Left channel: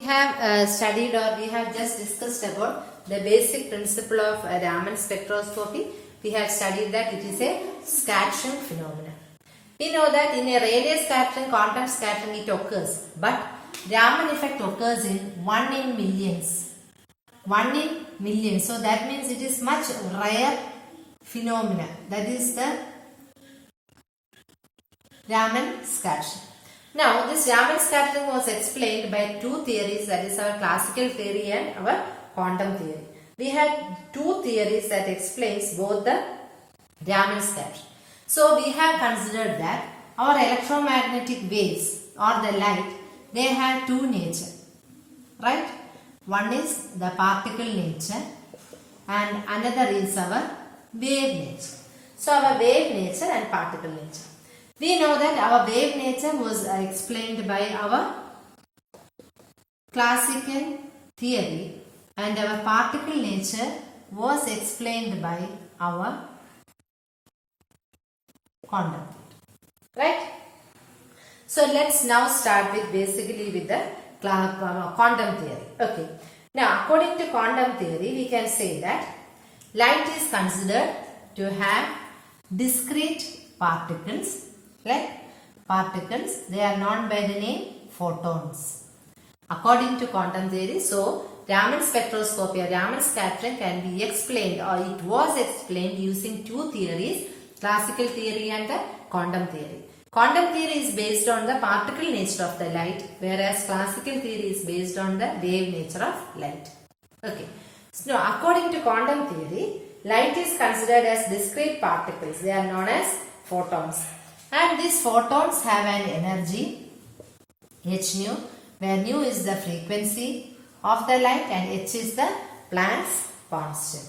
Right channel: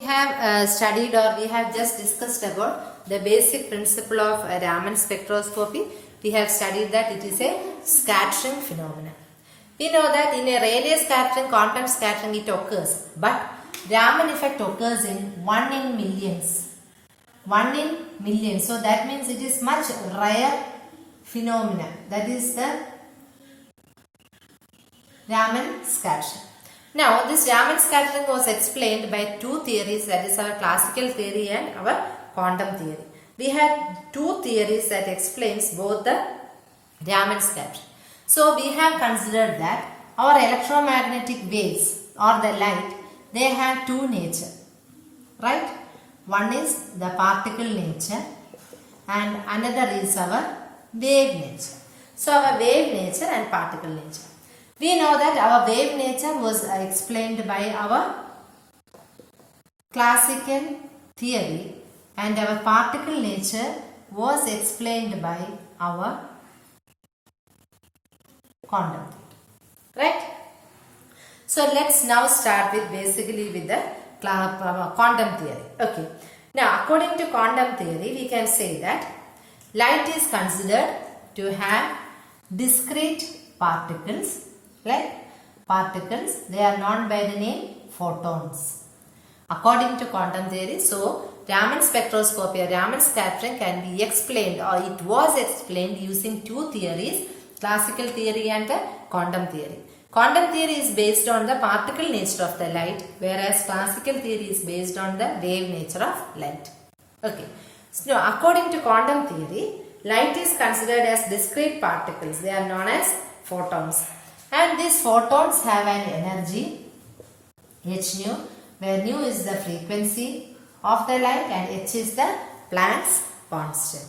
We have studied or we have just discussed about the basic principle of Raman spectroscopy. We have studied that it is a scattering phenomenon. We know that in a radial scattering, quantum scattering it occurs, but Raman effect occurs in 1 in millions. 1 in millions. So that means it is much rare phenomena. That is the Raman scattering. Now, this Raman scattering was explained by two theories, that is our classical theory and our quantum theory. We had two theories that explains both the Raman scattering. So, we have considered that our electromagnetic waves or the light, they have two nature, right? One is the particle nature and another is our wave nature. So, our wave nature and particle nature. We know that our wave nature was explained by our classical theory and our particle nature was explained by our quantum theory. Right? So let's now start with basically with the quantum theory. Okay. Now according to quantum theory we can say that light is considered to have discrete particles. Like particles, they are known by the name photons. According to quantum theory, so Raman spectroscopy or Raman scattering can be explained, or it was explained using two theories, classical theory and the quantum theory. Quantum theory is based on the particle nature of the light, whereas classical theory is based on the wave nature of light. Okay. So according to quantum theory, light is considered as discrete particles. They are known as photons. And these photons have an energy h nu, where nu is the frequency of the light and h is the Planck's constant.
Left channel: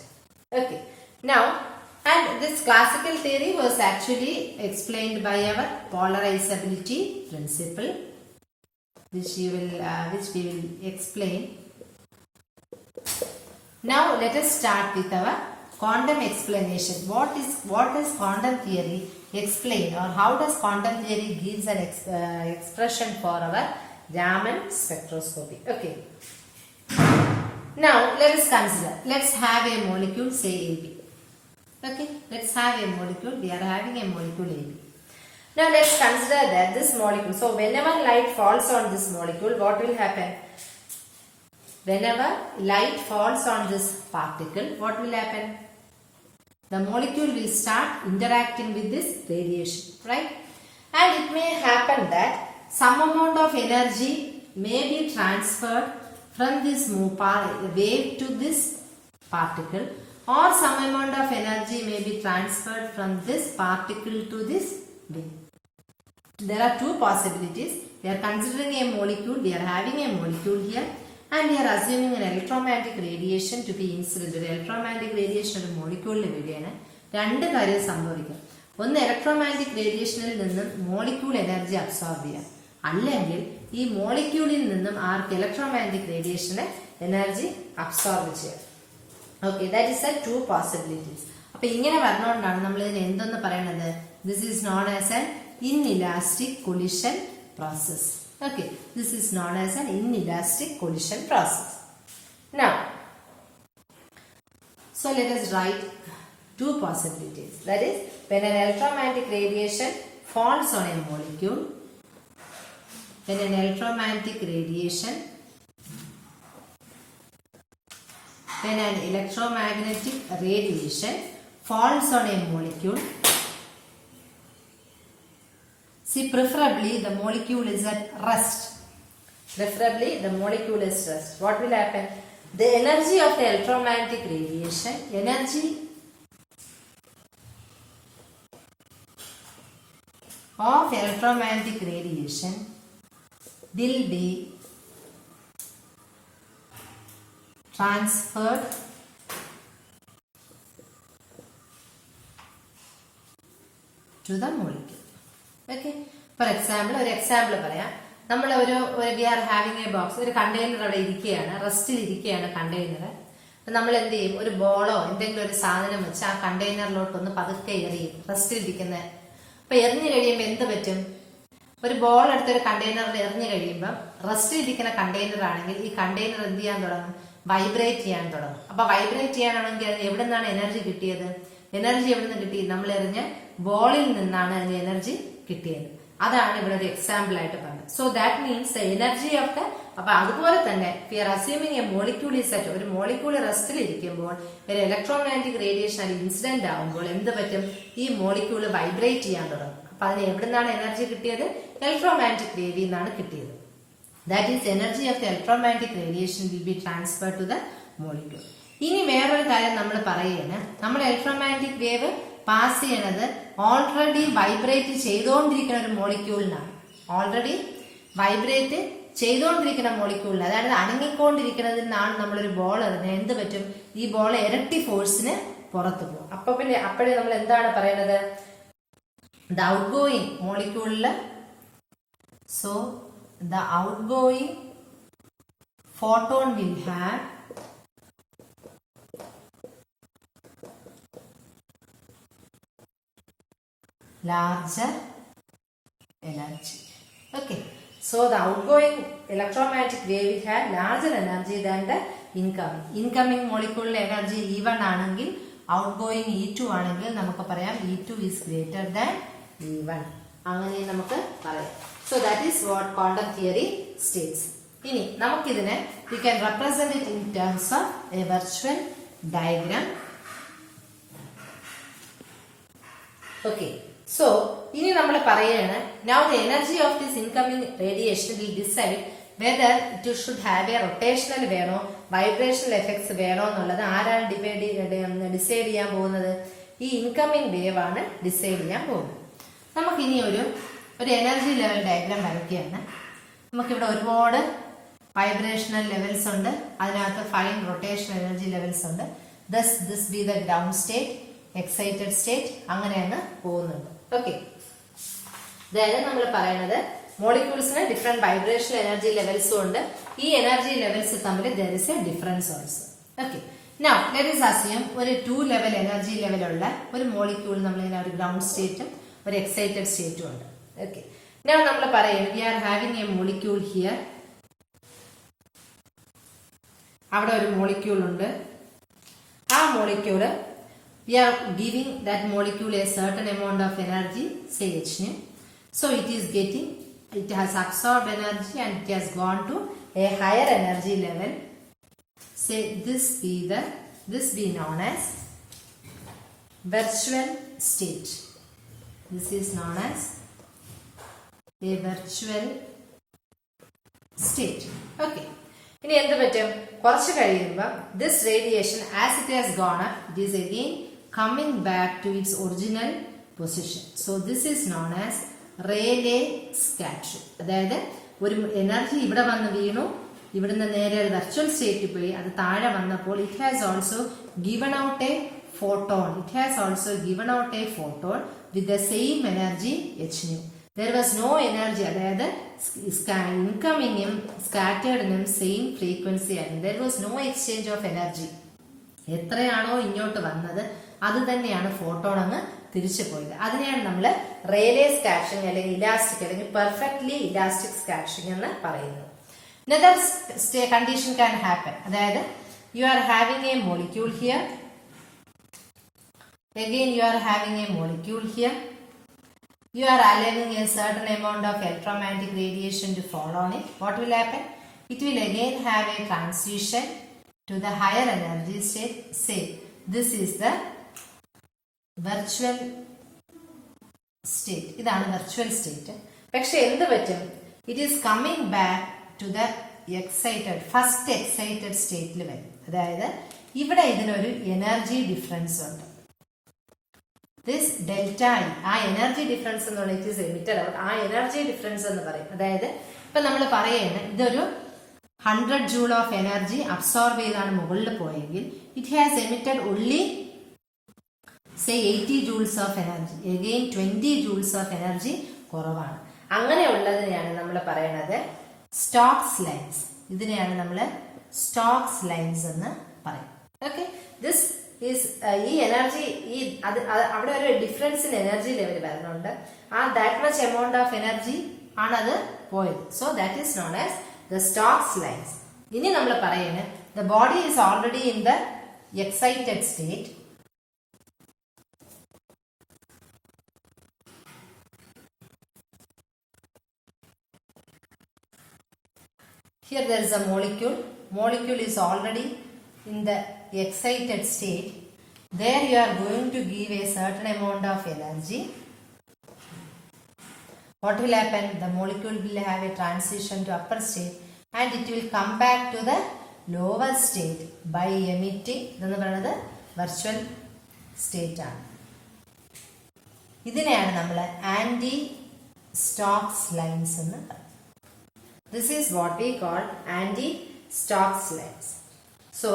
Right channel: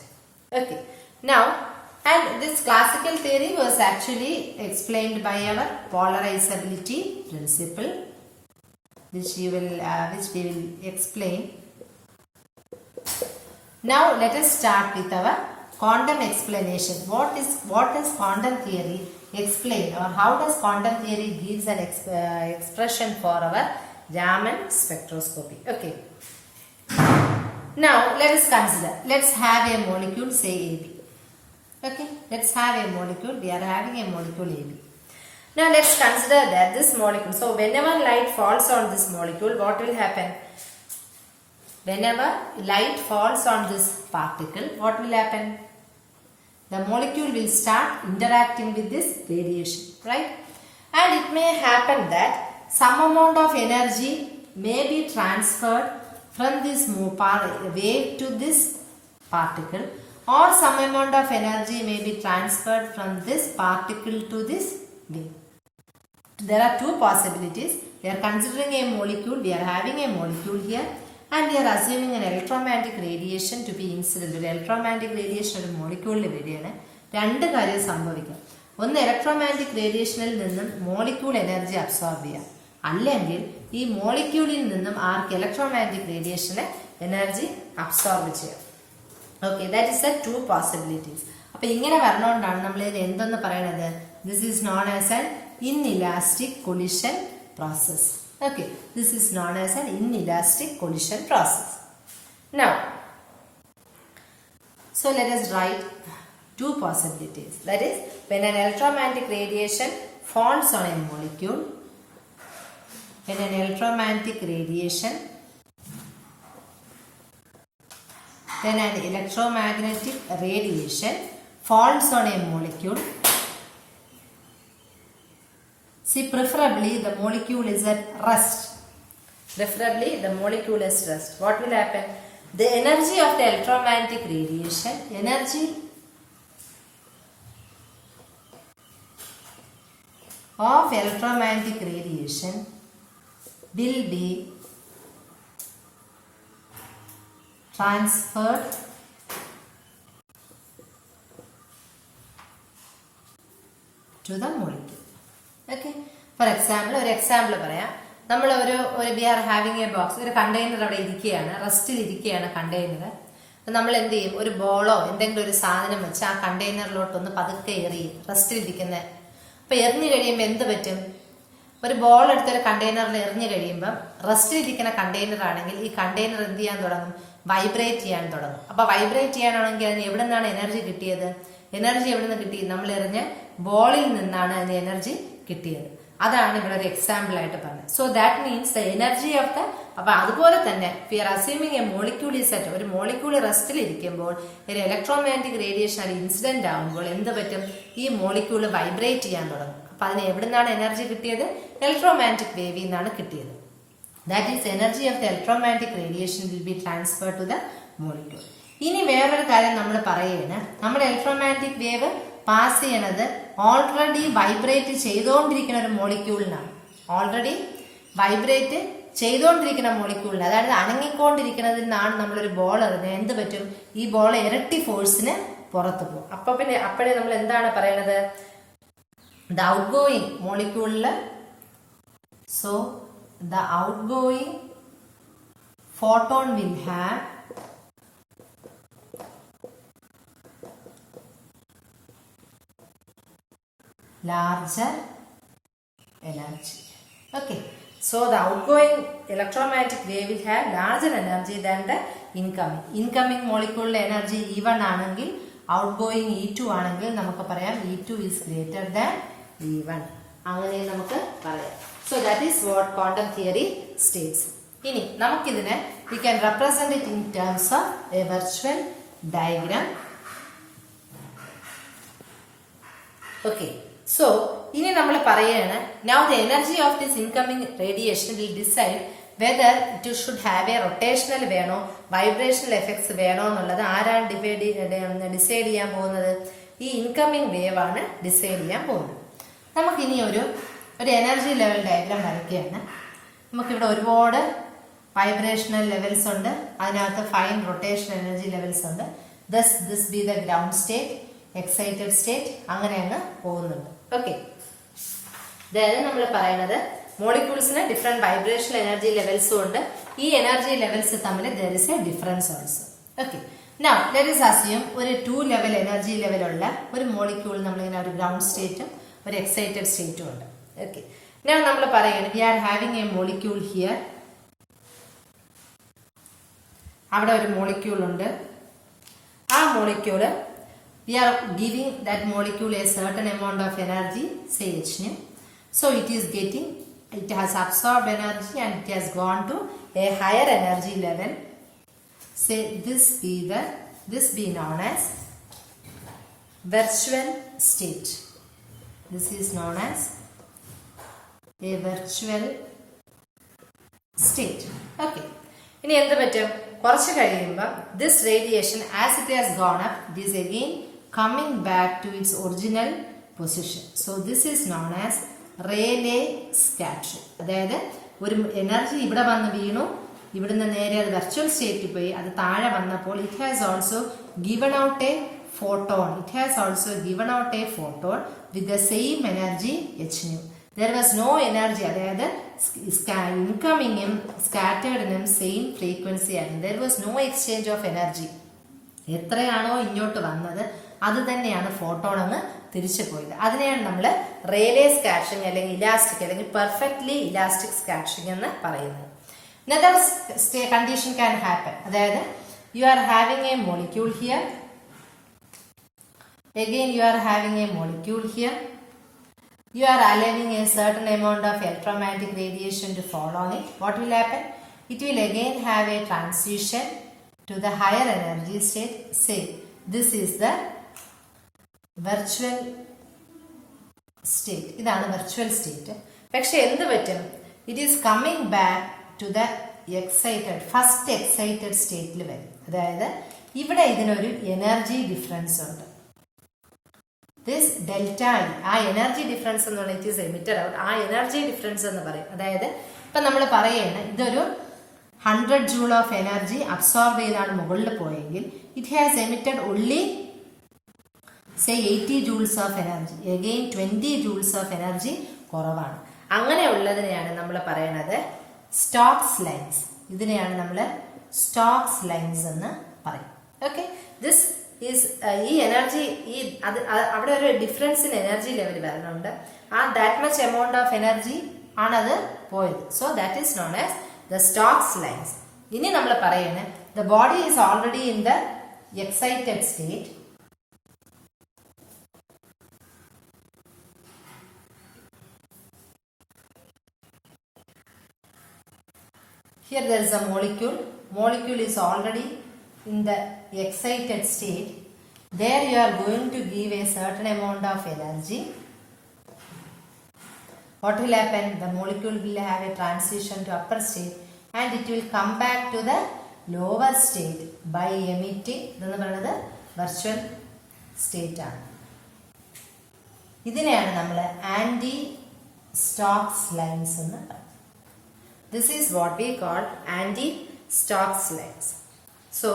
Okay. Now, and this classical theory was actually explained by our polarizability principle, which we will explain. Now, let us start with our quantum explanation. What is quantum theory explain, or how does quantum theory gives an expression for our Raman spectroscopy? Okay. Now let us consider. Let's have a molecule, say AB. Okay. Let's have a molecule. We are having a molecule AB. Now let's consider that this molecule. So whenever light falls on this molecule, what will happen? Whenever light falls on this particle, what will happen? The molecule will start interacting with this radiation, right? And it may happen that some amount of energy may be transferred from this wave to this particle, or some amount of energy may be transferred from this particle to this wave. There are two possibilities. We are considering a molecule, we are having a molecule here, and we are assuming an electromagnetic radiation to be incident. Electromagnetic radiation is a molecule. രണ്ട് കാര്യം സംഭവിക്കാം. ഒന്ന് ഇലക്ട്രോമാഗ്നറ്റിക് റേഡിയേഷനിൽ നിന്നും molecule energy absorb ചെയ്യാം, അല്ലെങ്കിൽ ഈ മോളിക്യൂളിൽ നിന്നും ആർക്ക് ഇലക്ട്രോമാഗ്നറ്റിക് റേഡിയേഷന് എനർജി അബ്സോർബ് ചെയ്യാം. Okay, that is the two possibilities. അപ്പൊ ഇങ്ങനെ പറഞ്ഞുകൊണ്ടാണ് നമ്മൾ ഇതിന് എന്തെന്ന് പറയുന്നത്? This is known as an inelastic collision process. Okay, this is known as an inelastic collision process. Now, so let us write two possibilities. That is, when an electromagnetic radiation falls on a molecule, when an electromagnetic radiation falls on a molecule, see, preferably the molecule is at rest. Preferably the molecule is rest. What will happen? The energy of the electromagnetic radiation, will be transferred to the molecule. Okay. For example, ഒരു example പറയാം. നമ്മൾ we are having a box, ഒരു container അവിടെ ഇരിക്കുകയാണ്, റെസ്റ്റിൽ ഇരിക്കുകയാണ് കണ്ടെയ്നർ. നമ്മൾ എന്ത് ചെയ്യും? ഒരു ബോളോ എന്തെങ്കിലും ഒരു സാധനം വെച്ച് ആ കണ്ടെയ്നറിലോട്ടൊന്ന് പതുക്കെ എറിയും, റെസ്റ്റിൽ ഇരിക്കുന്ന. അപ്പൊ എറിഞ്ഞു കഴിയുമ്പോൾ എന്ത് പറ്റും? ഒരു ബോൾ എടുത്തൊരു കണ്ടെയ്നറിൽ എറിഞ്ഞു കഴിയുമ്പോൾ റെസ്റ്റിലിരിക്കുന്ന കണ്ടെയ്നർ ആണെങ്കിൽ ഈ കണ്ടെയ്നർ എന്ത് ചെയ്യാൻ തുടങ്ങും? വൈബ്രേറ്റ് ചെയ്യാൻ തുടങ്ങും. അപ്പൊ വൈബ്രേറ്റ് ചെയ്യാനാണെങ്കിൽ അതിന് എവിടെ നിന്നാണ് എനർജി കിട്ടിയത്? എനർജി എവിടെ നിന്ന് കിട്ടി? നമ്മൾ എറിഞ്ഞ ബോളിൽ നിന്നാണ് അതിന് എനർജി കിട്ടിയത്. അതാണ് ഇവിടെ ഒരു എക്സാമ്പിൾ ആയിട്ട് പറഞ്ഞത്. So that means the energy of the, അപ്പൊ അതുപോലെ തന്നെ we are assuming a molecule is at, ഒരു മോളിക്യൂൾ റെസ്റ്റിൽ ഇരിക്കുമ്പോൾ ഒരു ഇലക്ട്രോമാഗ്നറ്റിക് റേഡിയേഷൻ അത് ഇൻസിഡന്റ് ആകുമ്പോൾ എന്ത് പറ്റും? ഈ മോളിക്യൂൾ വൈബ്രേറ്റ് ചെയ്യാൻ തുടങ്ങും. അപ്പൊ അതിന് എവിടെ നിന്നാണ് എനർജി കിട്ടിയത്? ഇലക്ട്രോമാഗ്നറ്റിക് വേവിൽ നിന്നാണ് കിട്ടിയത്. That is energy of the electromagnetic radiation will be transfer to the molecule. ഇനി വേറൊരു കാര്യം നമ്മൾ പറയുകയാണ്, നമ്മുടെ ഇലക്ട്രോമാഗ്നറ്റിക് വേവ് പാസ് ചെയ്യണത് ഓൾറെഡി വൈബ്രേറ്റ് ചെയ്തുകൊണ്ടിരിക്കുന്ന ഒരു മോളിക്യൂളിനാണ്. ഓൾറെഡി വൈബ്രേറ്റ് ചെയ്തുകൊണ്ടിരിക്കുന്ന മോളിക്യൂളിന്, അതായത് അനങ്ങിക്കൊണ്ടിരിക്കുന്നതിൽ നിന്നാണ് നമ്മളൊരു ബോൾ എറിഞ്ഞാൽ എന്ത് പറ്റും? ഈ ബോൾ ഇരട്ടി ഫോഴ്സിന് പുറത്തു പോകും. അപ്പൊ പിന്നെ അപ്പോഴേ നമ്മൾ എന്താണ് പറയണത്? ദ ഔട്ട് ഗോയിങ് മോളിക്യൂളില്, so the outgoing photon will have larger energy. Okay, so the outgoing electromagnetic wave will have larger energy than the incoming. Incoming molecule energy E1 ആണെങ്കിൽ outgoing E2 ആണെങ്കിൽ നമുക്ക് പറയാം E2 is greater than E1. അങ്ങനെ നമുക്ക് പറയാം. So that is what quantum theory states. ഇനി നമുക്കിതിനെ we can represent it in terms of a virtual diagram. Okay. So, ഇനി നമ്മൾ പറയുകയാണ്, now the energy of this incoming radiation will decide whether it should have a rotational വേണോ vibrational effects വേണോ എന്നുള്ളത് ആരാണ് ഡിസൈഡ് ചെയ്യാൻ പോകുന്നത്? ഈ ഇൻകമിംഗ് വേവ് ആണ് ഡിസൈഡ് ചെയ്യാൻ പോകുന്നത്. നമുക്കിനി ഒരു എനർജി ലെവൽ ഡയഗ്രാം വരയ്ക്കുകയാണ്. നമുക്കിവിടെ ഒരുപാട് വൈബ്രേഷണൽ ലെവൽസ് ഉണ്ട്, അതിനകത്ത് ഫൈൻ റൊട്ടേഷണൽ എനർജി ലെവൽസ് ഉണ്ട്. This B the ground state, excited state, അങ്ങനെ അങ്ങ് പോകുന്നുണ്ട്. ഓക്കെ, അതായത് നമ്മൾ പറയുന്നത് മോളിക്യൂൾസിന് ഡിഫറെന്റ് വൈബ്രേഷണൽ എനർജി ലെവൽസും ഉണ്ട്. ഈ എനർജി ലെവൽസ് തമ്മിൽ there is a difference also. Okay, now let us assume ഒരു 2 ലെവൽ എനർജി ലെവലുള്ള ഒരു മോളിക്യൂൾ നമ്മളിങ്ങനെ ഒരു ഗ്രൗണ്ട് സ്റ്റേറ്റും ഒരു എക്സൈറ്റഡ് സ്റ്റേറ്റും ഉണ്ട്. ഓക്കെ, now നമ്മൾ പറയുന്നത് we are having a molecule here. അവിടെ ഒരു മോളിക്യൂൾ ഉണ്ട്. ആ molecule we are giving that molecule a certain amount of energy, say h nu. So it has absorbed energy and it has gone to a higher energy level. Say this be known as virtual state. This is known as a virtual state. Okay. ഇനി എന്ത് പറ്റും? കുറച്ച് കഴിയുമ്പോൾ this radiation as it has gone up, it is again coming back to its original position. So this is known as Rayleigh scattering. അതായത് ഒരു എനർജി ഇവിടെ വന്ന് വീണു, ഇവിടുന്ന് നേരെ അത് വെർച്വൽ സ്റ്റേറ്റിൽ പോയി, അത് താഴെ വന്നപ്പോൾ it has also given out a photon. It has also given out a photon with the same energy h nu. There was no energy, അതായത് ഇൻകമിങ്ങും സ്കാറ്റേർഡിനും സെയിം ഫ്രീക്വൻസി ആയിരുന്നു. There was no exchange of energy. എത്രയാണോ ഇങ്ങോട്ട് വന്നത് അത് തന്നെയാണ് ഫോട്ടോൺ അങ്ങ് തിരിച്ചു പോയത്. അതിനെയാണ് നമ്മൾ റേലേ സ്കാറ്ററിംഗ് അല്ലെങ്കിൽ ഇലാസ്റ്റിക് അല്ലെങ്കിൽ പെർഫെക്റ്റ്ലി ഇലാസ്റ്റിക് സ്കാറ്ററിംഗ് എന്ന് പറയുന്നത്. Another condition can happen, അതായത് you are having a molecule here, again you are having a molecule here, you are allowing a certain amount of electromagnetic radiation to fall on it. What will happen? It will again have a transition to the higher energy state. Say this is the virtual state. ഇതാണ് virtual സ്റ്റേറ്റ്. പക്ഷെ എന്ത് പറ്റും? It is coming back to the excited first excited സ്റ്റേറ്റിൽ വരും. അതായത് ഇവിടെ ഇതിനൊരു എനർജി ഡിഫറൻസ് ഉണ്ട്. ദിസ് ഡെൽറ്റ ആ എനർജി ഡിഫറൻസ് എന്ന് പറഞ്ഞാൽ ഇറ്റ് ഈസ് എമിറ്റഡ് ഔട്ട്. ആ എനർജി ഡിഫറൻസ് എന്ന് പറയും. അതായത് ഇപ്പൊ നമ്മൾ പറയുന്നത് ഇതൊരു 100 joule of energy അബ്സോർബ് ചെയ്താണ് മുകളിൽ പോയെങ്കിൽ it has emitted only say 80 joules of energy. Again 20 joules of energy കുറവാണ്. അങ്ങനെയുള്ളതിനെയാണ് നമ്മൾ പറയുന്നത് സ്റ്റോക്സ് ലൈൻസ്. ഇതിനെയാണ് നമ്മൾ സ്റ്റോക്സ് ലൈൻസ് എന്ന് പറയും. ഓക്കെ, ദിസ് ഈസ് ഈ എനർജി അവിടെ ഒരു ഡിഫറൻസ് ഇൻ എനർജി ലെവൽ വരുന്നുണ്ട്. ആ that much amount of energy ആണത് പോയത്. So that is known as the Stokes lines. ഇനി നമ്മൾ പറയുന്നത് the body is already in the excited state. Here there is a molecule. Molecule is already in the excited state. There you are going to give a certain amount of energy. What will happen? The molecule will have a transition to upper state and it will come back to the lower state by emitting the virtual state. ഇതിനെയാണ് നമ്മൾ anti Stokes lines എന്ന് പറയുന്നത്. This is what we call anti-Stokes lines. So,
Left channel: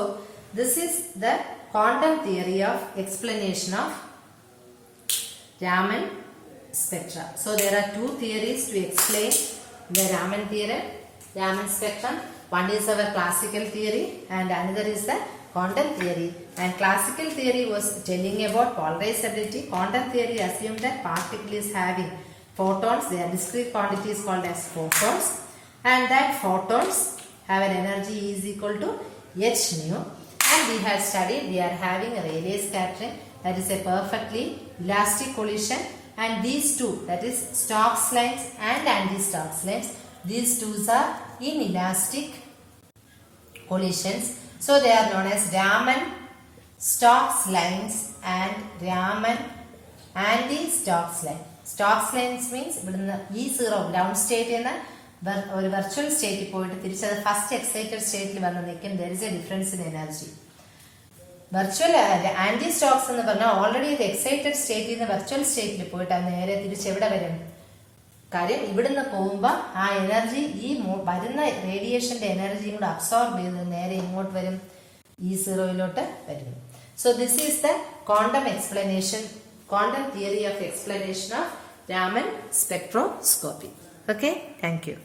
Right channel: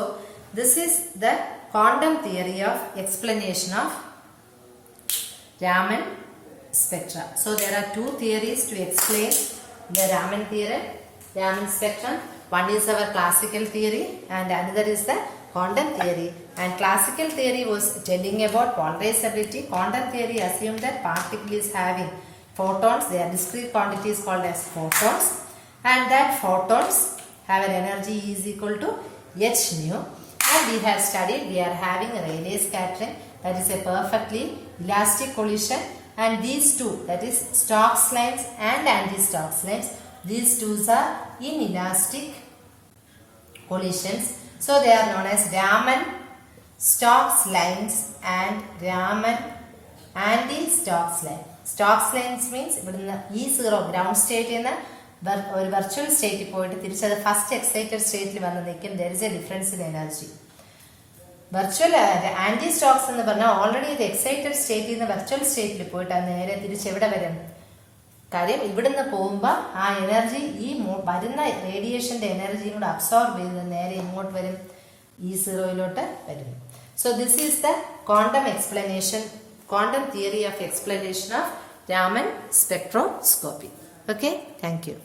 this is the quantum theory of explanation of Raman spectra. So, there are two theories to explain the Raman theory, Raman spectrum. One is our classical theory and another is the quantum theory. And classical theory was telling about polarizability. Quantum theory assumed that particle is having photons. They are discrete quantities called as photons. And that photons have an energy is equal to h nu. And we have studied we are having a Rayleigh scattering, that is a perfectly elastic collision, and these two, that is Stokes lines and anti-Stokes lines, these two are inelastic collisions. So they are known as Raman Stokes lines and Raman anti-Stokes line. Stokes lines means E0 ground state in the ഒരു virtual സ്റ്റേറ്റിൽ പോയിട്ട് തിരിച്ചത് first excited സ്റ്റേറ്റിൽ വന്ന് നിൽക്കും. There is a difference in energy. Virtual anti Stokes എന്ന് പറഞ്ഞാൽ ഓൾറെഡി ഇത് എക്സൈറ്റഡ് സ്റ്റേറ്റിൽ നിന്ന് വെർച്വൽ സ്റ്റേറ്റിൽ പോയിട്ട് അത് നേരെ തിരിച്ച് എവിടെ വരും? കാര്യം ഇവിടുന്ന് പോകുമ്പോൾ ആ എനർജി ഈ വരുന്ന റേഡിയേഷന്റെ എനർജിയും കൂടെ അബ്സോർബ് ചെയ്ത് നേരെ ഇങ്ങോട്ട് വരും, E0 വരും. So this is the quantum explanation, quantum theory of explanation of Raman spectroscopy. Okay, thank you.